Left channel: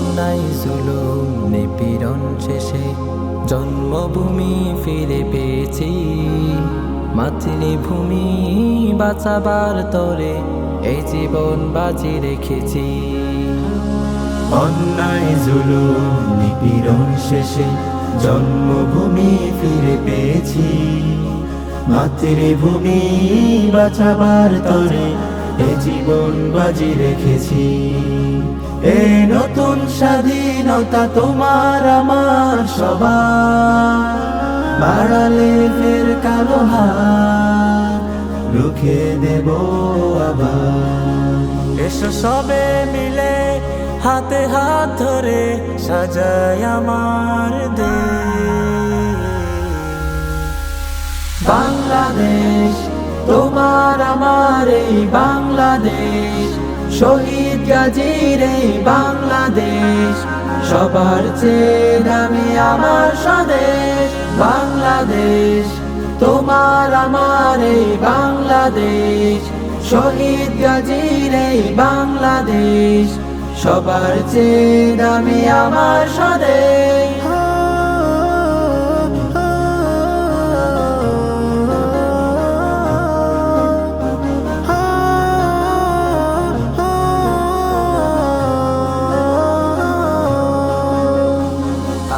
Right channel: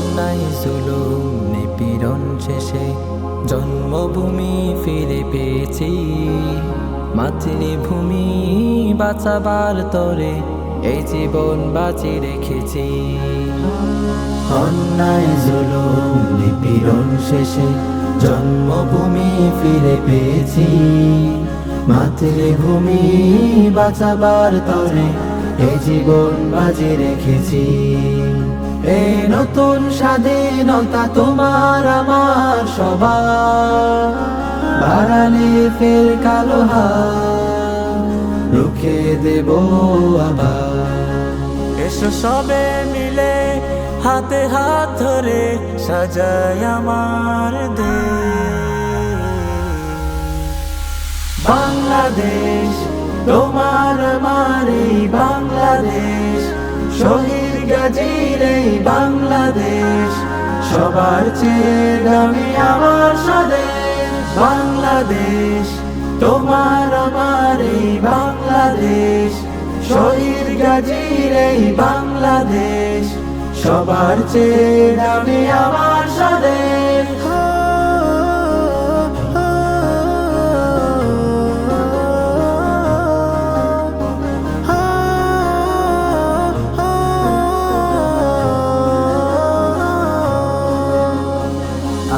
অন্যায় জুলুম নিপীড়ন শেষে জন্মভূমি ফিরে পেয়েছি। মাতৃভূমি বাঁচাবার তরে এই জীবন বাজি রেখেছি। অন্যায় জুলুম নিপীড়ন শেষে জন্মভূমি ফিরে পেয়েছি। মাতৃভূমি বাঁচাবার তরে এই জীবন বাজি রেখেছি। এই নতুন স্বাধীনতা তোমার আমার সবার, আড়ালে ফের কালো হাত রুখে দেব আবার। এসো সবে মিলে হাতে হাত ধরে সাজাই আমার দেশ। বাংলাদেশ তোমার আমার এই বাংলাদেশ, শহীদ গাজীর এই বাংলাদেশ, সবার চেয়ে দামি আমার স্বদেশ। বাংলাদেশ তোমার আমার এই বাংলাদেশ, শহীদ গাজীর এই বাংলাদেশ, সবার চেয়ে দামি আমার স্বদেশ।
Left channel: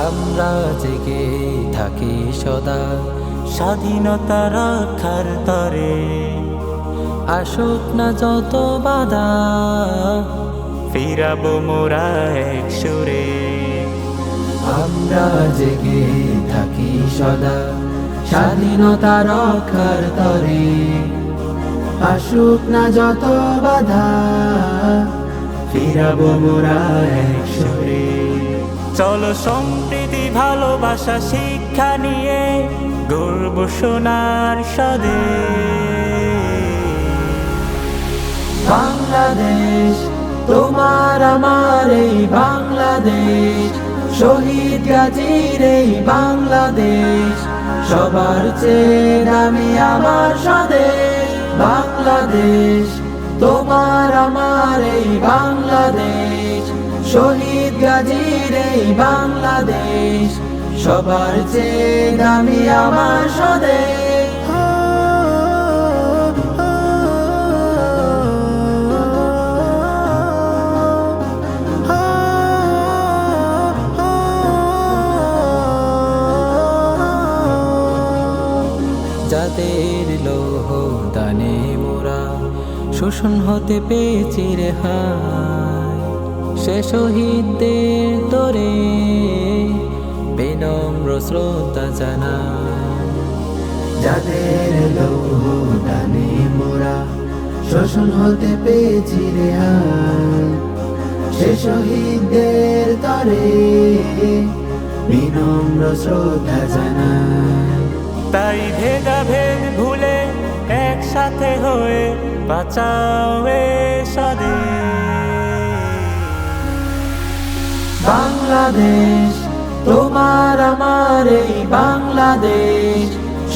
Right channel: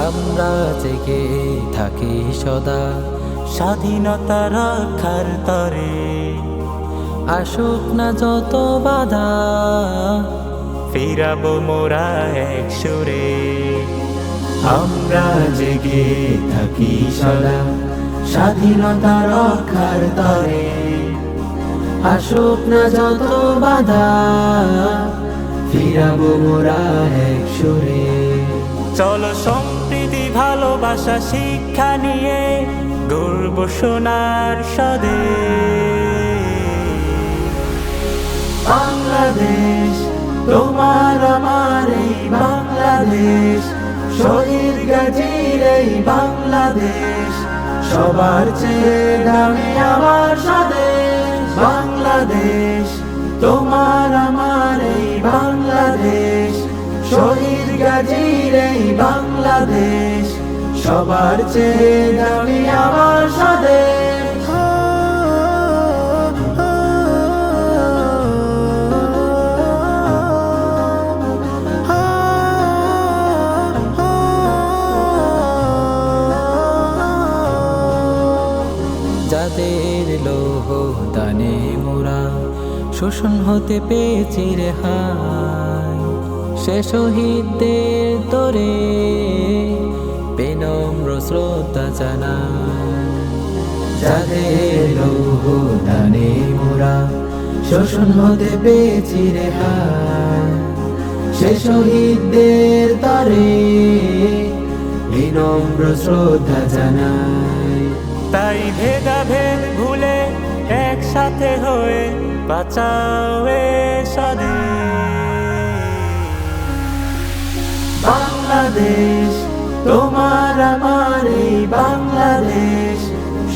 আমরা জেগে থাকি সদা স্বাধীনতা রক্ষার তরে, আসুক না যত বাধা ফিরাবো মোরা এক সুরে। আমরা জেগে থাকি সদা স্বাধীনতা রক্ষার তরে, আসুক না যত বাধা ফিরাবো মোরা এক সুরে। চলো সম্প্রীতি ভালোবাসা শিক্ষা নিয়ে গর্ব সোনার স্বদেশ। বাংলাদেশ তোমার আমার এই বাংলাদেশ, শহীদ গাজীর এই বাংলাদেশ, সবার চেয়ে দামি আমার স্বদেশ। বাংলাদেশ তোমার আমার এই বাংলাদেশ, শহীদ গাজীর এই বাংলাদেশ, সবার চেয়ে দামি আমার স্বদেশ। যাদের লৌহ দানে মোরা শোষণ হতে পেয়েছি রেহাই, সে শহীদদের তরে বিনম্র শ্রদ্ধা জানাই। যাদের লৌহ দানে মোরা শোষণ হতে পেয়েছি রেহাই, সে শহীদদের তরে বিনম্র শ্রদ্ধা জানাই। তাই ভেদাভেদ ভুলে একসাথে হয়ে বাঁচাও এ স্বদেশ। বাংলাদেশ তোমার আমার এই বাংলাদেশ,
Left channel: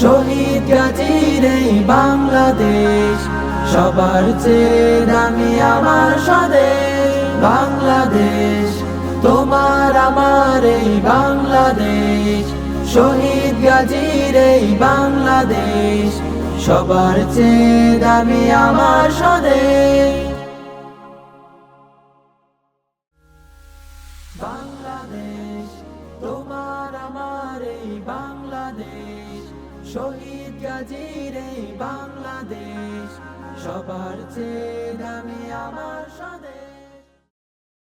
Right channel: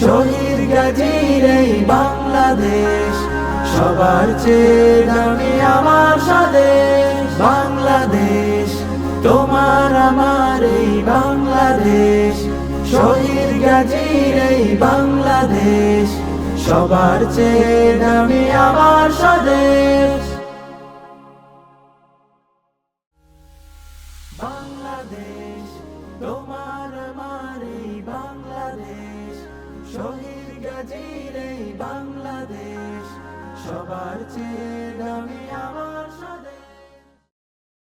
শহীদ গাজীর এই বাংলাদেশ, সবার চেয়ে দামি আমার স্বদেশ। বাংলাদেশ তোমার আমার এই বাংলাদেশ, শহীদ গাজীর এই বাংলাদেশ, সবার চেয়ে দামি আমার স্বদেশ। বাংলাদেশ তোমার আমার এই বাংলাদেশ, শহীদ গাজীর এই বাংলাদেশ, সবার চেয়ে দামি আমার